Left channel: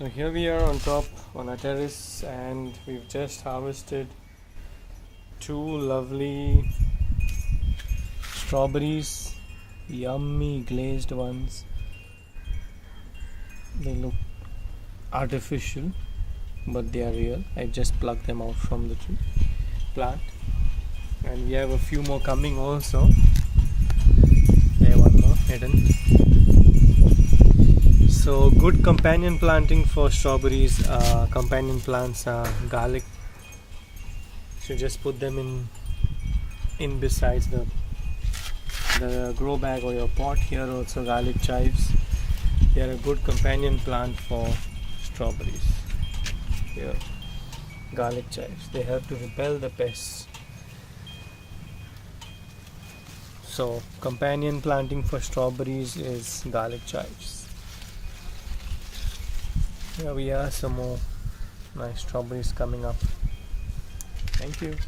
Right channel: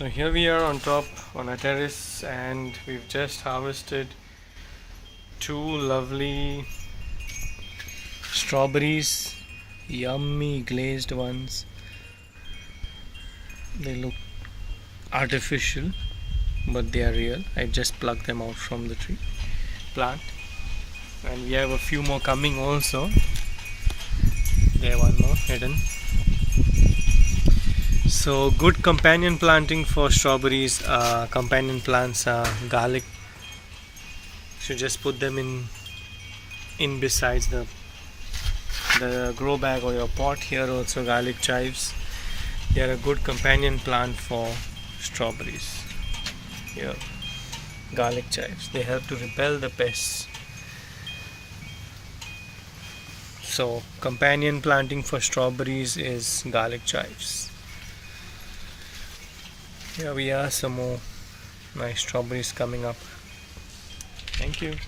So here we are on top on a terrace, and we've just harvested two lovely strawberries, yummy glazed ones. They look artificial, but they are real. I just plucked them out from the plant, and we have a few more coming also. There, one more hidden. So good companion planting for strawberries. Companion plants are garlic. So just put them in besides the grow bag or your pot. Here also garlic chives. They are a good companion plant for strawberries. Here, garlic chives. They help to repel the pests. So companion planting for strawberries is garlic chives. Here we are, some more nice strawberries coming up. Thank you.